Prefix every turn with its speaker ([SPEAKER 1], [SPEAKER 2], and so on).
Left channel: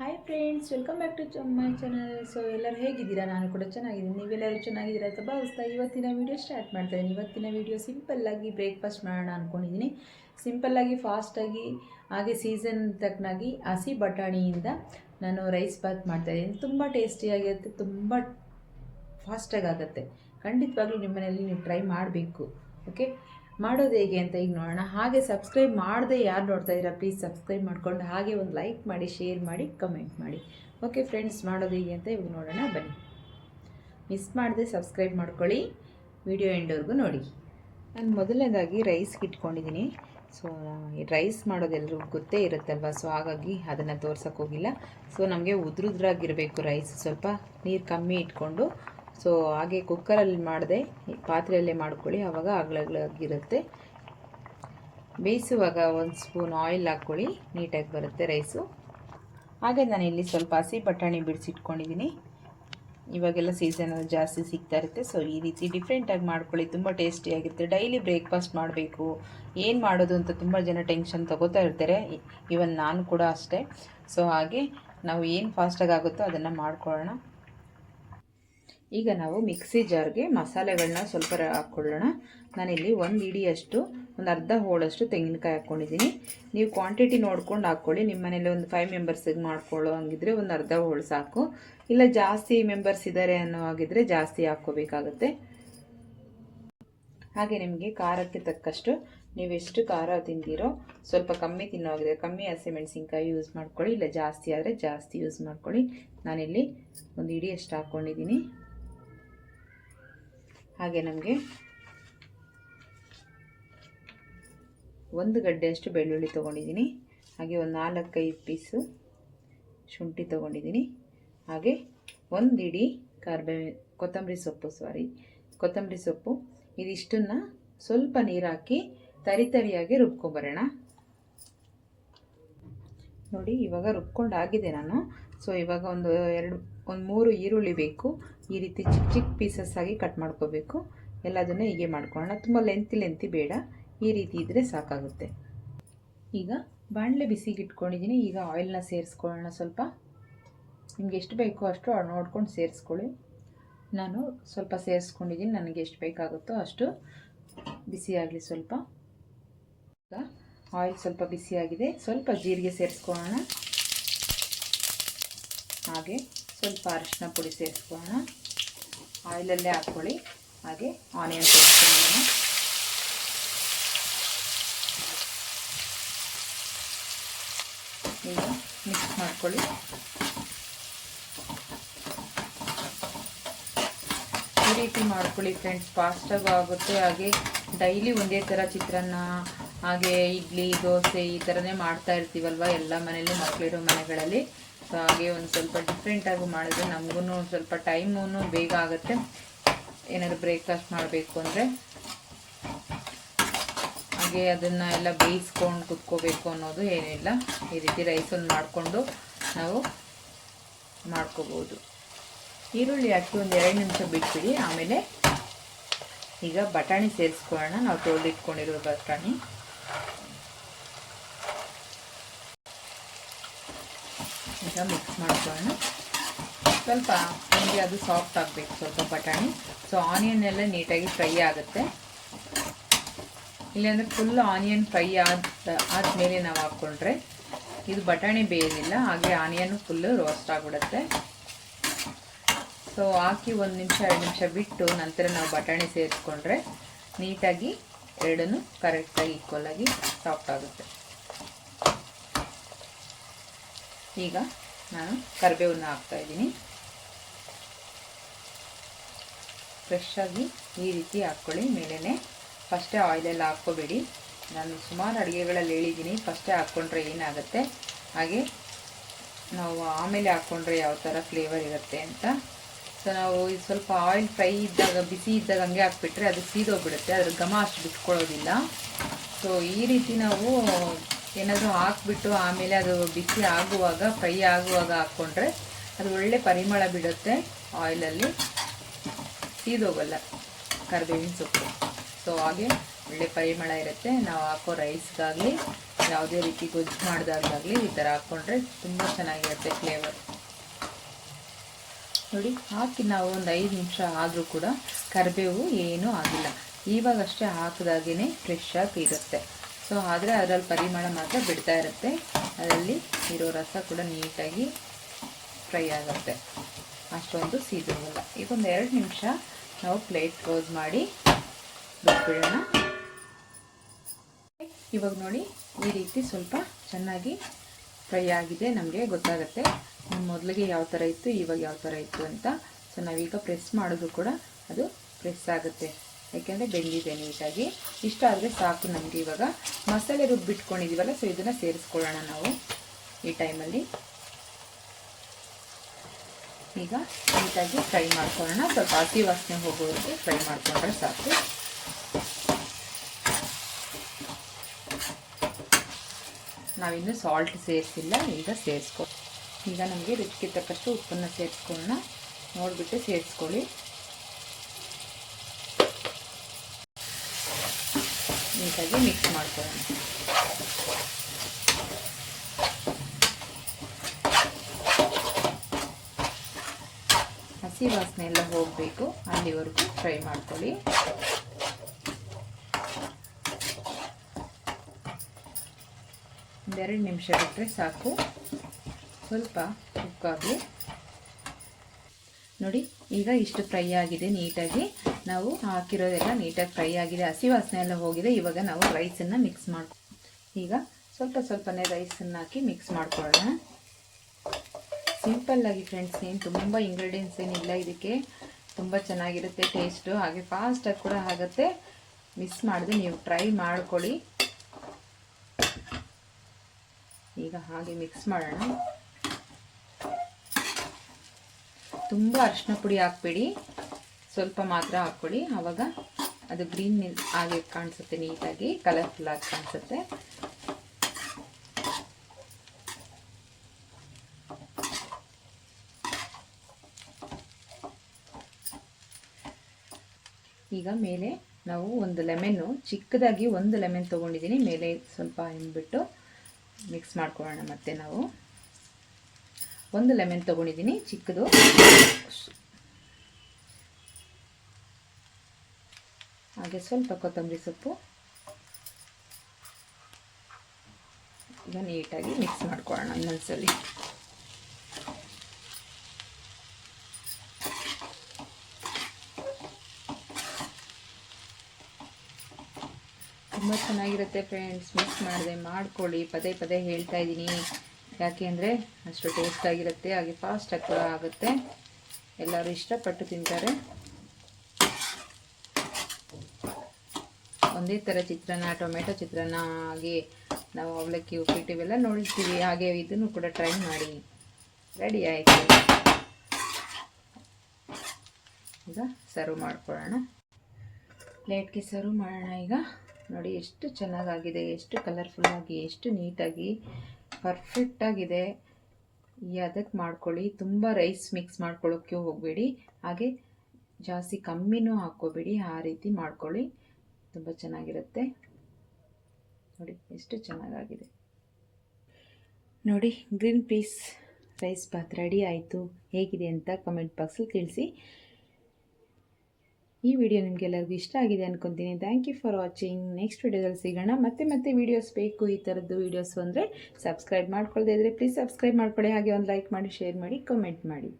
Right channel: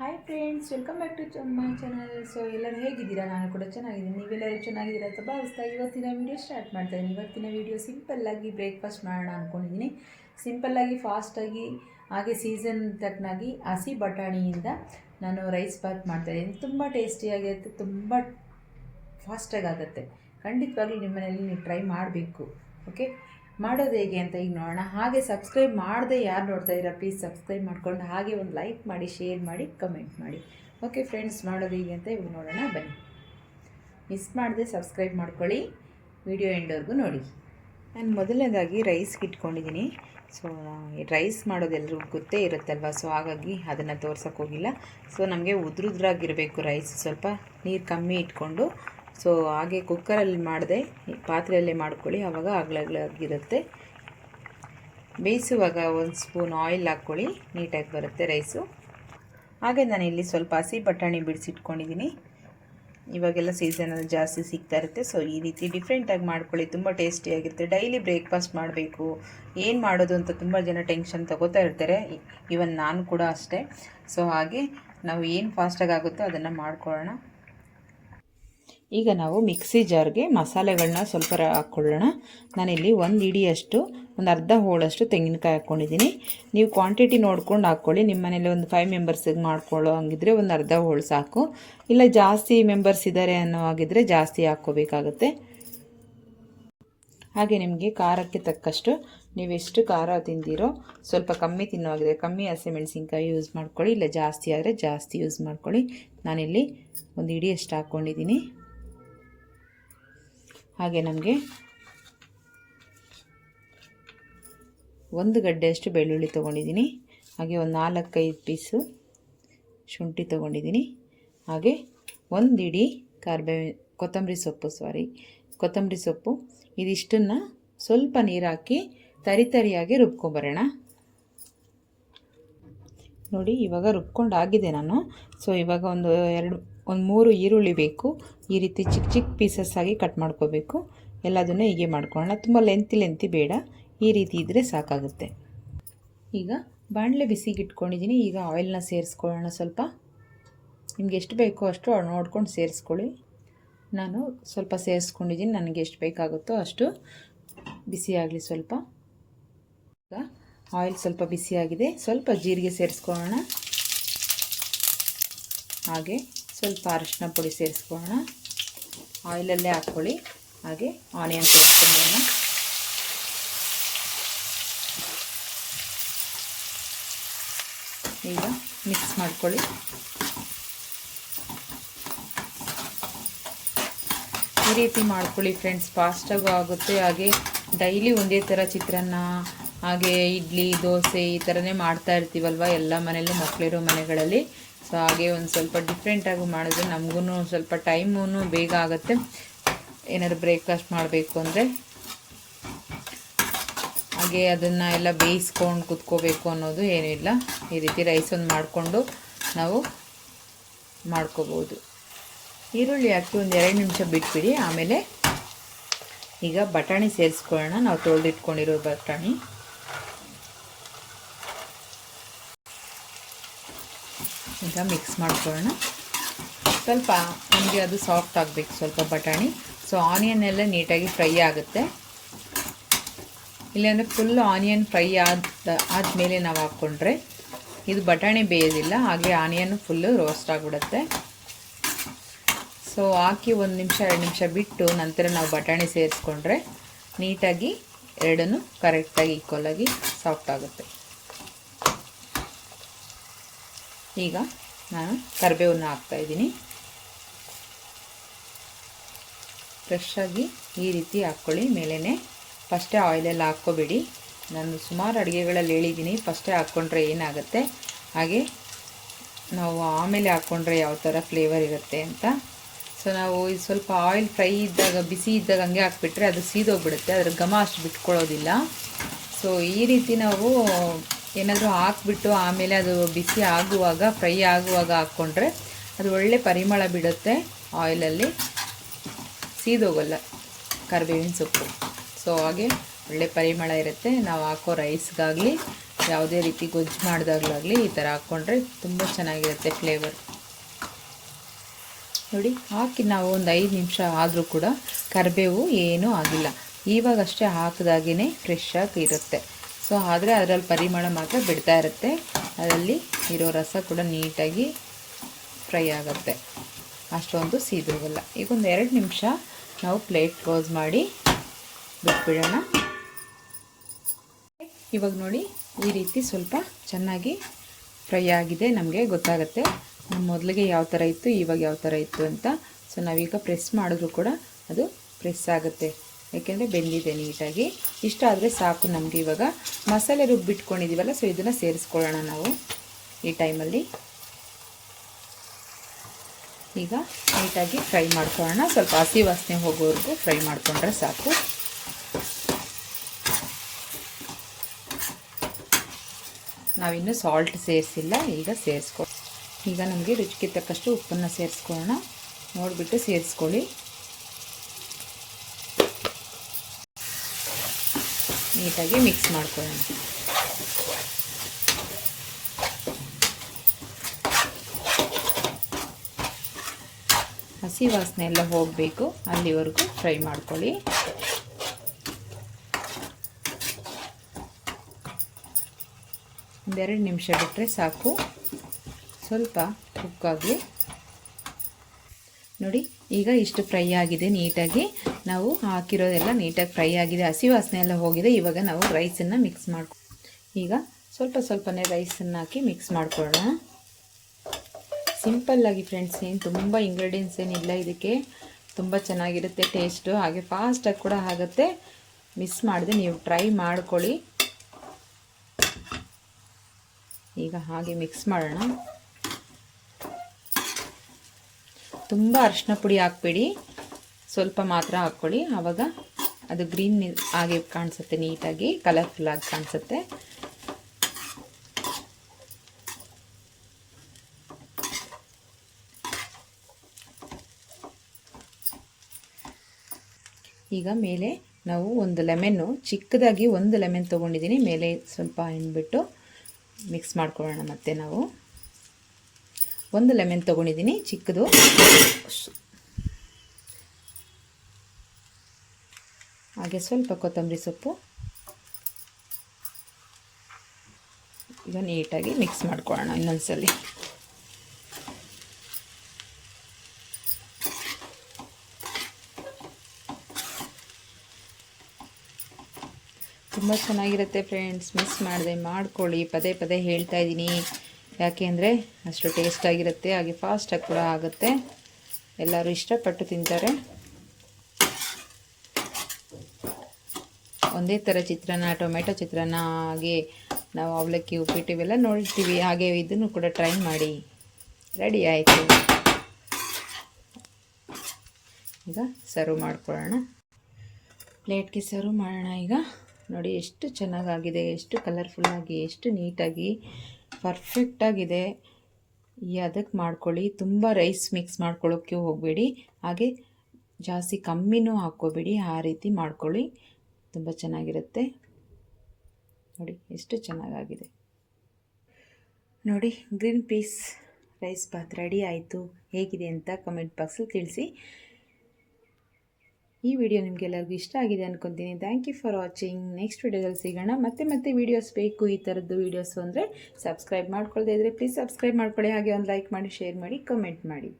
[SPEAKER 1] Hi friends welcome back to my channel so ಎಲ್ಲರೂ ಹೇಗಿದ್ದೀರಾ? ನಾನು ಕೂಡ ಚೆನ್ನಾಗಿದ್ದೀನಿ. ನೀವೆಲ್ಲರೂ ಚೆನ್ನಾಗಿದ್ದೀರಾ ಅಂತ ಭಾವಿಸ್ತಾ ಇವತ್ತಿನ ವೀಡಿಯೋ ಸ್ಟಾರ್ಟ್ ಮಾಡ್ತಾ ಇದ್ದೀನಿ. ಇವತ್ತಿನ ವೀಡಿಯೋ ಸಿಂಪಲ್ಲಾಗಿ ಬ್ರೇಕ್ಫಾಸ್ಟ್ ಮಾಡೋಣ ಅಂದ್ಕೊಂಡಿದ್ದೀನಿ ಸಿಂಪಲ್ಲಾಗಿ ಫಾಸ್ಟಾಗಿ ಹಾಗೆ ಸೀಸನ್ ತಕ್ಕನಾಗಿ ಹಸಿ ಬಟಾಣಿಯಿಂದ ನಾನು ರೈಸ್ ಬಾತ್ ಮಾಡ್ತಾಯಿದ್ದೀನಿ ತುಂಬ ಟೇಸ್ಟಿಯಾಗಿರುತ್ತೆ ತುಂಬ ಫಾಸ್ಟಾಗಿ ಆಗುತ್ತೆ. ಖಂಡಿತವಾಗ್ಲೂ ನಿಮ್ಮ ನೀವು ಟ್ರೈ ಮಾಡಬೇಕು ಓಕೆ ಮಾಡೋದು ಹೇಗೆ ಅಂತ ಈಗ ನೋಡೋಣ. ಹಾಗೆ ಸಬ್ಸ್ಕ್ರೈಬ್ ಮಾಡದೆ ಯಾರು ನೋಡ್ತಾ ಇದ್ದೀರಾ ಪ್ಲೀಸ್ ಸಬ್ಸ್ಕ್ರೈಬ್ ಮಾಡ್ಕೊಂಡು ಹಾಗೆ ಒಂದು ಲೈಕ್ ಮಾಡಿ ಶೇರ್ ಮಾಡಿ ಕಮೆಂಟ್ ಮಾಡಿ. ಓಕೆ ಫ್ರೆಂಡ್ಸ್ ಮಾಡೋದು ಹೇಗೆ ಅಂತ ಇವಾಗ ನೋಡೋಣ, ಬನ್ನಿ. ಮಿಸ್ ಮಾಡದೆ ಸಬ್ಸ್ಕ್ರೈಬ್ ಮಾಡ್ಕೊಳ್ಳಿ. ವಿಡಿಯೋ ಎಂಡವರೆಗೂ ನೋಡಿ. ನಾನು ಮೊದಲನೇದಾಗಿ ರೈಸ್ಗೆ ಇಟ್ಕೊಂಡಿದ್ದೀನಿ. ಸೊ ರೈಸ್ ಮಾಡೋದು ಎಲ್ರಿಗೂ ಗೊತ್ತೇ ಇರುತ್ತಲ್ವ? ಸೊ ಹಾಗಾಗಿ ಅದನ್ನು ತೋರ್ಸೋಕ್ಕೋಗಿಲ್ಲ ಸೊ ನಮಗೆ ಉದುರುದ್ರಾಗಿರಬೇಕು ರೈಸ್ ಸ್ವಲ್ಪ. ನೀರು ಕಮ್ಮಿ ಇಟ್ಕೊಂಡು ಸೊ ಹಾಗೆ ಕುಕ್ಕರಲ್ಲಿ ಮಾಡಿದೆ ಪಾತ್ರೆಯಲ್ಲೇ ಮಾಡ್ಕೊಳ್ಳಿ ಆವಾಗ ಅಗ್ಲಗ್ಲಾಗಿರುತ್ತೆ. ಬೇಯಿಸುವಾಗ ಒಂದು ಸ್ಪೂನ್ ಆಯಿಲ್ ಹಾಕ್ಕೊಳ್ಳಿ, ನೀಟಾಗಿ ಬರುತ್ತೆ ರೈಸು ಹಾಗೆ ನಾನು ಇಲ್ಲಿ ಸ್ವಲ್ಪ ಹಸಿ ಬಟಾಣಿ ಬಿಡಿಸಿಟ್ಕೊಂಡಿದ್ದೀನಿ ಇವಾಗೆಲ್ಲ ಸೀಸನಲ್ಲಿ ಜಾಸ್ತಿ ಸಿಗ್ತಾ ಇರುತ್ತೆ ಸೊ ಈ ರೀತಿ ಡಿಫ್ರೆಂಟಾಗಿ ಮಾಡ್ಕೊಳ್ಳಿ, ತುಂಬ ಟೇಸ್ಟಿಯಾಗಿರುತ್ತೆ ಡೈಲಿ ಬ್ರೇಕ್ಫಾಸ್ಟ್ ಮಾಡಬೇಕು, ಏನು ಮಾಡೋದು ಅಂತ ತುಂಬ ಜನ ಟೆನ್ಷನ್ ತಗೋತಾ ಇರ್ತಾರೆ ಇವನ್ ನಾನು ಕೂಡ ಅಷ್ಟೇ. ಸೊ ಹಾಗೆ ನಾವು ಏನು ಫಾಸ್ಟಾಗಿ ಆಗುತ್ತೋ ಅದನ್ನು ಮಾಡ್ಕೊಳ್ಳೋಣ. ಈಗ ನಾವು ಮಿಕ್ಸಿ ಜಾರ್ಗೆ ಮಸಾಲೆಗಳನ್ನ ಸ್ವಲ್ಪ ಹಾಕ್ಕೊಳ್ಳೋಣ. ನಾನಿಲ್ಲಿ ಒಂದು ಇಡಿಯಷ್ಟು, ಒಂದು ಅರ್ಧ ಹೋಳಷ್ಟು ತೆಂಗಿನಕಾಯಿ ಹಾಕ್ಕೊಂಡಿದ್ದೀನಿ. ನೀವು ಕ್ವಾಂಟಿಟಿ ನೋಡ್ಕೊಂಡು ಹಾಕ್ಕೊಳ್ಳಿ. ನಿಮ್ಮ ಮನೇಲಿ ಒಂದು ಫೈವ್ ಮೆಂಬರ್ಸಿಗೆ ಮಾಡ್ಕೊಳ್ಳೋ ಹಂಗಿದ್ರೆ ಒಂದು ಅರ್ಧ ಹೋಳು ಸಾಕು. ಇಲ್ಲ ಜಾಸ್ತಿ ಮೆಂಬರ್ಸ್ ಇದ್ದಾರೆ ಅನ್ನೋ ಹಾಗಿದ್ರೆ ಜಾಸ್ತಿ ಹಾಕ್ಕೋಬೇಕಾಗುತ್ತೆ. ಹಾಗೆ ನಿಮಗೆ ಖಾರಕ್ಕೆ ತಕ್ಕಷ್ಟು ನೀವು ಎಷ್ಟು ಖಾರ ತಿಂದಿರೋ ಸ್ವಲ್ಪ ಕಮ್ಮಿ ತಿನ್ನೋಗಿದೆ ಕಮ್ಮಿ ಹಸಿಮೆಣಸಿನ್ಕಾಯಿ ಯೂಸ್ ಮಾಡ್ಕೊಳ್ಳಿ. ಇಲ್ಲ ಜಾಸ್ತಿ ಆದರೆ ಜಾಸ್ತಿ ಯೂಸ್ ಮಾಡ್ಕೊಳ್ಳಿ. ನಾನಿಲ್ಲಿ ಒಂದು ಇಡಿಯಷ್ಟು ಹಾಕ್ಕೊಂಡಿದ್ದೀನಿ. ಹಾಗೆ ನಮಗೆ ಒಂದು ಗಡ್ಡೆಯಷ್ಟು ಬೆಳ್ಳುಳ್ಳಿ ತೊಗೊಂಡಿದ್ದೀನಿ. ಹಾಗೆ ಒಂದು ನಾಲ್ಕೈದು ಪೀಸು ಶುಂಠಿ ತೊಗೊಂಡಿದ್ದೀನಿ. ಹಾಗೆ ಒಂದು ಇಡೀ ಕಾರ್ಬೆ, ಕೊತ್ತಂಬರಿ ಸೊಪ್ಪು ಸಾರಿ ಕೊತ್ತಂಬರಿ ಸೊಪ್ಪು. ಇದಿಷ್ಟನ್ನು ಸ್ವಲ್ಪ ನೀರು ಹಾಕಿ ತರಿ ತರಿಯಾಗಿ ರುಬ್ಕೊಂಬರೋಣ. ನೋಡಿ, ಇವಾಗ ರುಬ್ಕೊಂಡಾಗಿದೆ ನಾನು. ಸೊ ಇವಾಗ ಒಂದು ಎರಡು ಒಂದು ಮೂರು ಈರುಳ್ಳಿ ಬೇಕು. ಈ ರೀತಿ ಚಿಕ್ಕ ಚಿಕ್ಕ ಪೀಸಸ್ ಆಗಿ ಕಟ್ ಮಾಡ್ಕೋಬೇಕು. ಎಲ್ಲದನ್ನು ಹೀಗೆ ಮಾಡ್ಕೊಳ್ಳೋಣ. ತುಂಬ ಲೆಂತಿ ಲೆಂತಿ ಬೇಡ. ಈ ರೀತಿ ಇದ್ದರೆ ಸಾಕಾಗುತ್ತೆ. ಈಗ ಬಾಣಲೆ ಬಿಸಿಗೆ ಇಟ್ಕೊಂಡಿದ್ದೀನಿ ಈಗ ಆಯಿಲ್ನ ಸೇರಿಸ್ಕೊಳ್ಳೋಣ ಸ್ವಲ್ಪ. ನಿಮ್ಗೆ ಎಷ್ಟು ಬೇಕೋ ಅಷ್ಟು ನೋಡ್ಕೊಂಡು ಸೇರಿಸ್ಕೊಳ್ಳಿ. ನಾನು ಸ್ವಲ್ಪ ಸೇರಿಸ್ಕೊಂಡಿದ್ದೀನಿ ನನಗೆ ಎಷ್ಟು ಬೇಕಾಗುತ್ತೋ ಅಷ್ಟು ಬಿಸಿಯಾಗಲಿ ಸ್ವಲ್ಪ. ಈಗ ಆಯಿಲ್ ಸ್ವಲ್ಪ ಬಿಸಿಯಾಗಿದೆ ಸ್ವಲ್ಪ ಜೀರಿಗೆ ಸೇರಿಸ್ಕೊಳ್ಳೋಣ. ಹಾಗೆ. ಸ್ವಲ್ಪ ಅರಿಶಿನ ಪುಡಿ ಸೇರಿಸ್ಕೊಳ್ಳೋಣ. ಆಯಿಲಲ್ಲೇ ಹಾಕ್ಕೊಳ್ಳಿ. ಹಾಗೆ ಆನಿಯನ್ ಸೇರಿಸ್ಕೊಳ್ಳೋಣ ಈಗ ಮಿಕ್ಸ್ ಮಾಡ್ಕೊಳ್ಳಿ. ಈ ರೀತಿ ಮಾಡ್ಕೊಳ್ಳಿ ಫ್ರೆಂಡ್ಸ್ ಫಾಸ್ಟಾಗೂ ಆಗುತ್ತೆ. ಹಾಗೆ ಡೈಲಿ ಒಂದೇ ಥರ ಚಿತ್ರಾನ್ನ, ಹಾಗೆ ಇಡ್ಲಿ, ದೋಸೆ ಈ ಥರನೇ ಮಾಡ್ತಾ ಇರ್ತೀವಲ್ವ ಎಲ್ಲ ಮನೇಲಿ ಮಕ್ಕಳಿರೋ ಮನೆಗಳಲ್ಲಿ. ಸೊ ಹಾಗೆ ಒಂದು ಸ್ವಲ್ಪ ಡಿಫ್ರೆಂಟಾಗಿ ಮಾಡಿದ್ರೆ ನಮಗೂ ಸ್ವಲ್ಪ ಟೈಮೂ ಬೇಗ ಆಗುತ್ತೆ. ಏನಾದ್ರು ಬ್ರೇಕ್ಫಾಸ್ಟ್ ಮಾಡಬೇಕು ಅಂದರೆ. ಹಾಗೆ ಅದನ್ನು ಎಲ್ಲ ಬೇಯಿಸ್ಕೊಂಡು ಕುತ್ಕೋಬೇಕು ಅನ್ನೋದು ಏನೂ ಇಲ್ಲ ಈ ರೀತಿ ರೈಸ್ ಒಂದು ಮಾಡಿಕೊಂಡು ನಾವು ಮಾಡ್ಕೋಬೋದು. ಈರುಳ್ಳಿ ಹಾಕಿ ಒಂದು ಎರಡು ನಿಮಿಷ ಬಿಟ್ಬಿಡಿ. ಆಮೇಲೆ ಈಗ ಬಟಾಣಿ ಸೇರಿಸ್ಕೊಳ್ಳೋಣ. ನಾವು ತೊಳೆದಿಟ್ಕೊಂಡಿರೋ ಬಟಾಣಿ. ಈಗ ಮಿಕ್ಸ್ ಮಾಡ್ಕೊಳ್ಳೋಣ. ಸ್ವಲ್ಪ ನಮಗೆ ಅದು ಸಾಫ್ಟ್ ಆಗಬೇಕು, ಸ್ವಲ್ಪ ಬಟಾಣಿ. ಸೊ ಆನಿಯನ್ ಎಲ್ಲ ನೀಟಾಗಿ ಫ್ರೈ ಆಗುತ್ತೆ. ಇಲ್ಲಾಂದರೆ ಫುಲ್ ಆನಿಯನ್ ಫ್ರೈ ಆದ, ಆದಮೇಲೆ ನಾವು ಹಾಕ್ಕೊಂಡ್ರೆ ಇದು ಬಟಾಣಿ ಬೇಯೋದಿಲ್ಲ, ಹಾಗೆ ಆನಿಯನ್ ಫುಲ್ಲು ರೋಸ್ಟ್ ಆಗಿಬಿಡುತ್ತೆ. ಸೊ ಹಾಕಿ ಒಂದು ನಿಮಿಷ, ಎರಡು ನಿಮಿಷ ಬಿಟ್ಟು ನಂತರ ನಾವು ಬಟಾಣಿ ಸೇರಿಸ್ಕೊಂಡ್ರೆ ನೀಟಾಗಿ ಎರಡನ್ನೂ ಕರೆಕ್ಟಾಗಿ ಈಕ್ವಲಾಗಿ ಸಾಫ್ಟ್ ಆಗುತ್ತೆ. ಈಗ ನಾನು ಕರಿಬೇವನ್ನು ಹಾಕ್ತಾ ಇದ್ದೀನಿ. ಫ್ರೆಶ್ಶಾಗಿ ಈ ರೀತಿ ಹಾಕ್ಕೊಳ್ಳಿ. ಮೇಲೇ ಫಸ್ಟೇ ಆಯಿಲೆಲ್ಲ ಹಾಕ್ಕೋಬೇಡಿ. ನಾನು ಸುಮಾರು ಅಡುಗೆಗಳಲ್ಲಿ ಹೇಳಿದ್ದೀನಿ. ಫಸ್ಟೇ ಹಾಕ್ಕೊಂಡ್ರೆ ಏನಾಗುತ್ತೆ? ಹಾಗೆ ನಾವು ಆಮೇಲೆ ಹಾಕ್ಕೊಂಡ್ರೆ ಯಾವ ಥರ ಫ್ಲೇವರ್ ಇರುತ್ತೆ ಅಂತ. ಸೊ ನಾವು ಇದು ಸ್ವಲ್ಪ ಆಯಿಲ್ ಫ್ರೈ ಇದ್ದಾಗ, ಬಿಸಿ ಇದ್ದಾಗ ಹಂಗೆ ಹಾಕ್ಬಿಟ್ರೆ ಅದು ಸೀದೋಗ್ಬಿಡುತ್ತೆ. ಅದ್ರ ಘಮ ಅಷ್ಟು ಬಿಟ್ಕೊಳ್ಳೋದಿಲ್ಲ. ಸೊ ಈ ರೀತಿ ನಾವು ಏನಾದರೂ ಹಾಕ್ಬಿಟ್ಟು ಆಮೇಲೆ ಅದು ಬಿಸಿ ಆಗುವಾಗ, ಫ್ರೈ ಆಗುವಾಗ ಹಾಕ್ಕೊಂಡ್ರೆ ಅದು ಒಳ್ಳೆ ಪರಿಮಳ ಬಿಡುತ್ತೆ ಆಯಿಲಲ್ಲಿ. ಸೀದೋಗಲ್ಲ ಕರಿಬೇವಿನ ಸೊಪ್ಪು. ಸೊ ಹಾಗೆ ಒಳ್ಳೆ ಪರಿಮಳ ಇರುತ್ತೆ. ನಾವು ಹಾಕೋ ರೈಸ್ಗಾಗಲಿ, ಯಾವುದೇ ರೀತಿ ಗೊಜ್ಜು ಮಾಡಿದಾಗಲಾಗಲಿ ಈ ಥರ ಹಾಕ್ಕೊಂಡ್ರೆ ತುಂಬ ಚೆನ್ನಾಗಿರುತ್ತೆ ಫ್ಲೇವರ್. ನೋಡಿ, ಹಾಕಿ ನಾವು ಒಂದು ಐದು ನಿಮಿಷ ಆದರೂ ಕೂಡ ಕರಿಬೇವು ಏನೂ ಆಗಿಲ್ಲ. ಇವಾಗಷ್ಟೇ ಹಾಕಿದಾಗೇ ಫ್ರೆಶ್ ಆಗಿ ಇರುತ್ತೆ. ಸೊ ಆದರೆ ಅದರಲ್ಲಿ ಪರಿಮಳ ಮಾತ್ರ ಬಿಡ್ತಾ ಇರುತ್ತೆ. ಅದರಲ್ಲಿ ಇರೋ ರಸ ಕೂಡ ನೀಟಾಗಿ ಫ್ರೈ ಆಗುತ್ತೆ. ಅಷ್ಟೊಂದು ಸೀದಿರೋಲ್ಲ ಈಗ ಒಂದು ಎರಡು ನಿಮಿಷ ನಾವು ಪ್ಲೇಟ್ ಕ್ಲೋಸ್ ಮಾಡಿ ಬಿಟ್ಬಿಡೋಣ. ಇವಾಗ ನೋಡಿ, ಈ ರೀತಿ ಸ್ವಲ್ಪ ಚೆನ್ನಾಗಿ ಫ್ರೈ ಆಗಿದೆ ನಮಗೆ ಗೊತ್ತಾಗುತ್ತೆ. ಮೊದಲಿಗೆ ಯಾವ ಥರ ಇತ್ತು, ಇವಾಗ ಯಾವ ಥರ ಇತ್ತು ಅಂತ. ಸೊ ನಾವೀಗ ಪ್ರೆಸ್ ಮಾಡಿದ್ರು ಕೂಡ ಅದು ಪ್ರೆಸ್ ಆಗುತ್ತೆ. ಯಾಕೆಂದರೆ ಬೆಂದಿದೆ ನೀಟಾಗಿ. ಇಷ್ಟ ಆದರೆ ಸಾಕು ನಮಗೆ ಇವಾಗ. ಮಸಾಲೆ ರುಬ್ಬಿಟ್ಕೊಂಡಿದ್ದೀವಲ್ಲ ಸೊ ಇದನ್ನು ಸೇರಿಸ್ಕೊಳ್ಳೋಣ ನಾವು ಈ ಟೈಮಲ್ಲಿ. ಈಗ ನೀಟಾಗಿ ಫ್ರೈ ಮಾಡ್ಕೊಳ್ಳೋಣ. ಸ್ವಲ್ಪ ಹಸಿ ವಾಸನೆ ಹೋಗೋರಿಗೆ ಫ್ರೈ ಮಾಡಿಕೊಂಡ್ರೆ ಸಾಕು. ನಾವಿನ್ನೂ ಸಾಲ್ಟ್ ಸೇರಿಸಿಲ್ಲ, ಈಗ ಸೇರಿಸ್ಕೊ, ಈಗ ನಮಗೆ ರುಚಿಗೆ ತಕ್ಕಷ್ಟು ಉಪ್ಪನ್ನು ಸೇರಿಸ್ಕೊಳ್ಳೋಣ. ನೋಡಿಬಿಟ್ಟು ಸೇರಿಸ್ಕೊಳ್ಳಿ. ನೀಟಾಗಿ ಮಿಕ್ಸ್ ಮಾಡ್ಕೊಳ್ಳೋಣ. ಹಸಿ ವಾಸನೆ ಎಲ್ಲ ಹೋಗಬೇಕು, ಅಲ್ಲಿವರೆಗೂ ಫ್ರೈ ಮಾಡ್ಕೊಳ್ಳಿ. ಒಂದೆರಡು ನಿಮಿಷ ಬಿಟ್ಟರೆ ಸಾಕು. ಸ್ವಲ್ಪ ಕುಕ್ಕಾಗಲಿ. ನೋಡಿ, ಈಗ ಇಷ್ಟು ಫ್ರೈ ಆಗಿದೆ ನೀಟಾಗಿ. ನಾವು ಹಾಕಿರೋದೆಲ್ಲ ನೀಟಾಗಿ ಫ್ರೈ ಆಗಿದೆ. ಹಸಿ ವಾಸನೆ ಎಲ್ಲ ಹೋಗಿದೆ. ಇವಾಗ ನಾವು ರೈಸನ್ನು ಮಿಕ್ಸ್ ಮಾಡ್ಕೊ ಈಗ ಸ್ವಲ್ಪ ಸ್ವಲ್ಪನೇ ರೈಸನ್ನು ಹಾಕಿ ಮಿಕ್ಸ್ ಮಾಡ್ಕೊಳ್ಳೋಣ. ಸಿಂಪಲ್ಲಾಗಿ ಫ್ರೆಂಡ್ಸ್ ಏನು ತುಂಬ ಇಂಗ್ರೀಡಿಯೆಂಟ್ಸ್ ಏನಿಲ್ಲ. ಇದಕ್ಕೆ ತುಂಬ ಚೆನ್ನಾಗಿರುತ್ತೆ ಟೇಸ್ಟು ಹಾಗೆ ಫಾಸ್ಟಾಗಿ ಕೂಡ ಆಗುತ್ತೆ. ಮಿಸ್ ಮಾಡಿದೆ, ನೀವು ಟ್ರೈ ಮಾಡ್ಕೊಳ್ಳಿ. ಈಗ ಹಾಗೆ ಮಿಕ್ಸ್ ಮಾಡೋಣ. ತುಂಬ ಅರಿಶಿನ ಪುಡಿ ಹಾಕ್ಬೇಡಿ. ಸ್ವಲ್ಪ ಮಾತ್ರ ಹಾಕ್ಕೊಳ್ಳಿ. ಆವಾಗ ಅದು ಗ್ರೀನ್ ಆಗಿ ಕಾಣಿಸುತ್ತೆ, ನೀಟಾಗಿ ಕಲರ್ಫುಲ್ಲಾಗಿ ಕಾಣಿಸುತ್ತೆ. ಈಗ ಮೇಲೆ ನಾವು ಒಂದು ಲೆಮೆನ್ನು ಚಿಕ್ಕದಾಗಿ ಒಂದು ಲೆಮೆನ್ ತೊಗೊಂಡಿದ್ದೀನಿ. ಮೇಲೆ ಸ್ವಲ್ಪ ಹಿಂಡ್ಬಿಟ್ಟು ಮಿಕ್ಸ್ ಮಾಡ್ಕೊಳ್ಳೋಣ ಮತ್ತೆ ನಾವು. ಒಂದು ಲೆಮನ್ ತೊಗೊಂಡಿದ್ದೀನಿ, ಚಿಕ್ಕದು. ಹಾಗೆ ಸ್ವಲ್ಪ ಕೊತ್ತಂಬರಿ ಸೊಪ್ಪು. ಈಗ ನೀಟಾಗಿ ಮಿಕ್ಸ್ ಮಾಡ್ಕೊಳ್ಳೋಣ ಇನ್ನೊಂದ್ಸಲಿ. ತುಂಬ ಚೆನ್ನಾಗಿರುತ್ತೆ ಫ್ರೆಂಡ್ಸ್ ಮಿಸ್ ಮಾಡಿದೆ, ಮಾಡ್ಕೊಳ್ಳಿ. ಪದೇ ಪದೇ ಹೇಳ್ತಾ ಇದ್ದೀನಿ. ಯಾಕೆ ಅಂದರೆ ಅಷ್ಟು ಟೇಸ್ಟಾಗಿರುತ್ತೆ ಹಾಗೆ ಫಾಸ್ಟಾಗಿ ಕೂಡ ಆಗುತ್ತೆ. ಎಲ್ಲರೂ ಇಷ್ಟಪಟ್ಟು ತಿಂತಾರೆ. ಒಂದೇ ಥರ ಚಿತ್ರಾನ್ನ, ಟೊಮೆಟೊ ಚಿತ್ರಾನ್ನ, ಹಾಗೆ ನಾವು ಅವಲಕ್ಕಿ, ಉಪ್ಪಿಟ್ಟು ಇವೆಲ್ಲ ನೋಡ್ತೀವಿ. ಹಾಗೆ ಇದನ್ನು ಕೂಡ ಟ್ರೈ ಮಾಡಿ. ರೆಡಿ ಆಯಿತು. ಈಗ ಸರ್ವ್ ಮಾಡ್ಕೊಳ್ಳೋಣ. ಪ್ಲೇಟ್ಗೆ ಸರ್ವ್ ಮಾಡೋಣ ಈಗ. ನೋಡಿ ಎಷ್ಟು ಚೆನ್ನಾಗಾಗಿದೆ, ಎಷ್ಟು ಕಲರ್ಫುಲ್ಲಾಗಿ ಎಷ್ಟು ನೀಟಾಗಿ ಪರ್ಫೆಕ್ಟಾಗಿದೆ ಅದಕ್ಕೆ ಮಾಡ್ಕೊಳ್ಳಿ. ತುಂಬ ರೈಸ್ ಮಿಕ್ಸ್ ಮಾಡ್ಕೊಳ್ಳೋಕ್ಕೆ ಹೋಗಬೇಡಿ. ಹಾಗೆ ಜಾಸ್ತಿ ಕಮ್ಮಿನೂ ಹಾಕ್ಕೋಬೇಡಿ. ಆ ರೀತಿ ಮಾಡ್ಕೊಳ್ಳಿ. ತುಂಬ ಚೆನ್ನಾಗಿರುತ್ತೆ. ನೋಡಿ, ಎಷ್ಟು ಚೆನ್ನಾಗಾಗಿದೆ. ನೋಡಿ green peas rice bath ready ಆಯಿತು. ಹೇಗಿದೆ ಅಂತ ಕಮೆಂಟ್ ಬಾಕ್ಸಲ್ಲಿ ತಿಳಿಸಿ. ಈ ವಿಡಿಯೋ ನಿಮಗೆಲ್ಲರಿಗೂ ಇಷ್ಟ ಆಗಿದೆ ಅನ್ಕೊತೀನಿ. Thank you for watching next ವಿಡಿಯೋದಲ್ಲಿ ಸಿಗೋಣ. ಮತ್ತೆ ಮತ್ತೆ ವೀಡಿಯೋಸ್ ಬೇಕು, ಈ ಥರದ್ದು ವೀಡಿಯೋಸು ಅಂದರೆ ಸಬ್ಸ್ಕ್ರೈಬ್ ಮಾಡ್ಕೊಳ್ಳದೇ ಇದ್ದರೆ ಪ್ಲೀಸ್ ಸಬ್ಸ್ಕ್ರೈಬ್ ಮಾಡ್ಕೊಳ್ಳಿ ಹಾಗೆ ಒಂದು ಲೈಕ್ ಮಾಡಿ ಶೇರ್ ಮಾಡಿ ಕಮೆಂಟ್ ಮಾಡಿ.